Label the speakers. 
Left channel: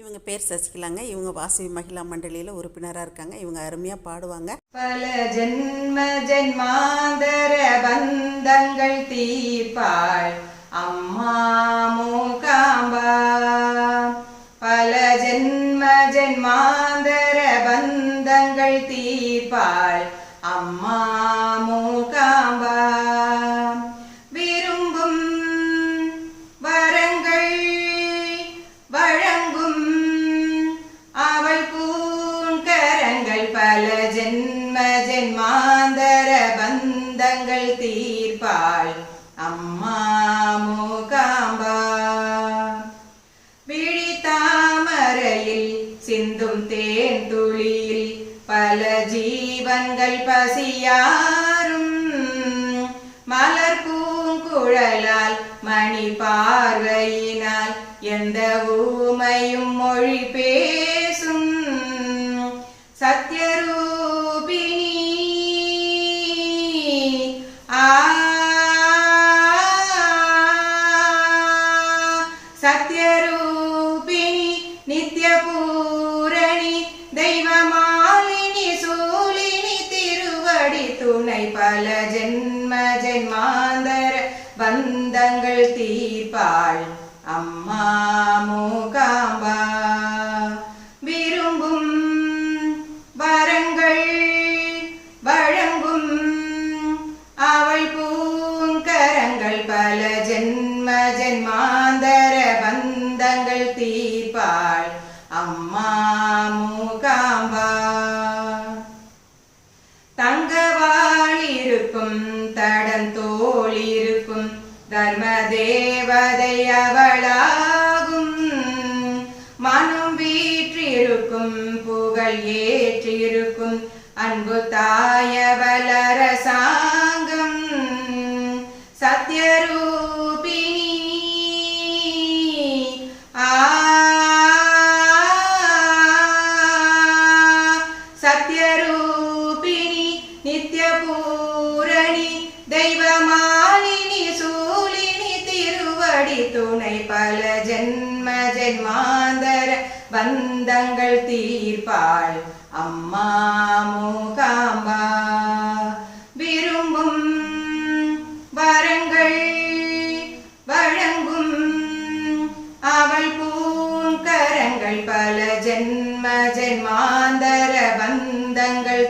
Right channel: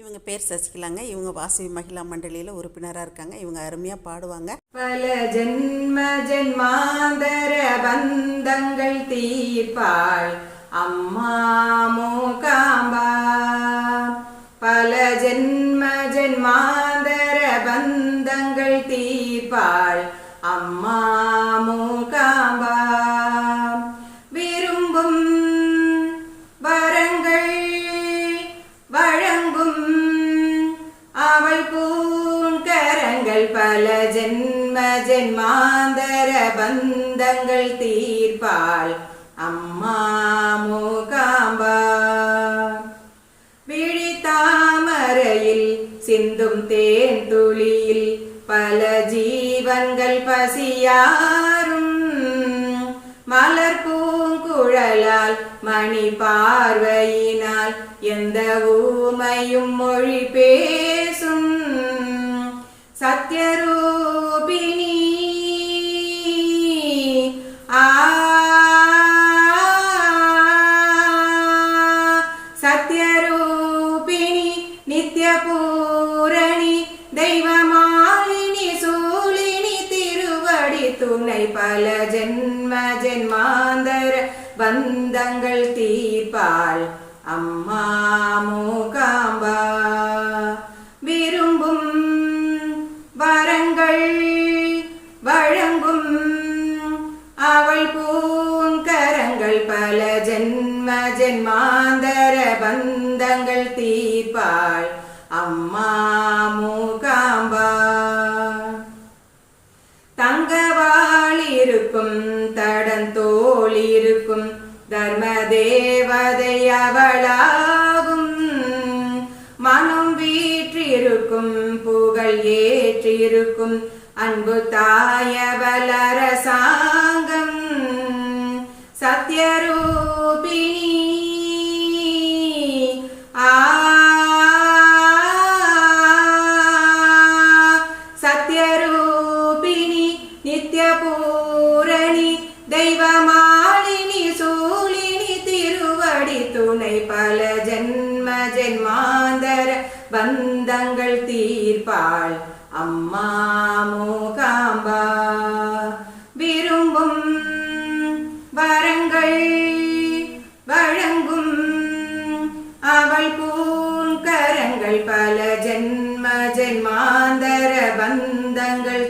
Speaker 1: இவங்க பேர் சசிகலாங்க. இவங்க வாசவி மகிழா மண்டலியில் உறுப்பினராக இருக்காங்க. இவங்க அருமையாக பாடுவாங்க.
Speaker 2: பல ஜென்ம ஜென்மாந்தர பந்தங்கள் தீர்ப்பாள் அம்மா மூகாம்பா. பல ஜென்ம ஜென்மாந்தர பந்தங்கள் தீர்ப்பாள் அம்மா பல ஜென்ம ஜென்மாந்தர பந்தங்கள் தீர்ப்பாள் அம்மா மூகாம்பா. விழித்தாமரையில் சிந்தும் தேன் துளியில் பல ஜீவன்கள் பசியாரும் மலர் பூங்குழலால் மணி பார்வையினால் எந்த ஊமையும் மொழி பேர் பல ஜென்ம ஜென்மாந்தர பந்தங்கள் தீர்ப்பாள் அம்மா மூகாம்பா. விரும்பும் வரங்கள் வழங்கும் அவள் பூங்கரங்கள் பல ஜென்ம ஜென்மாந்தர பந்தங்கள் தீர்ப்பாள் அம்மா தேவதை மனம் வீற்றிருக்கும் புகழ் ஏற்றிருக்கும். அன்பு தாயவலரசாங்கம். சத்யரூ துணை பல ஜென்ம ஜென்மாந்தர பந்தங்கள் தீர்ப்பாள் அம்மா மூகாம்பா. விரும்பும் வரங்கள் வழங்கும் அவள் பூங்கரங்கள் பல ஜென்ம ஜென்மாந்தர பந்தங்கள்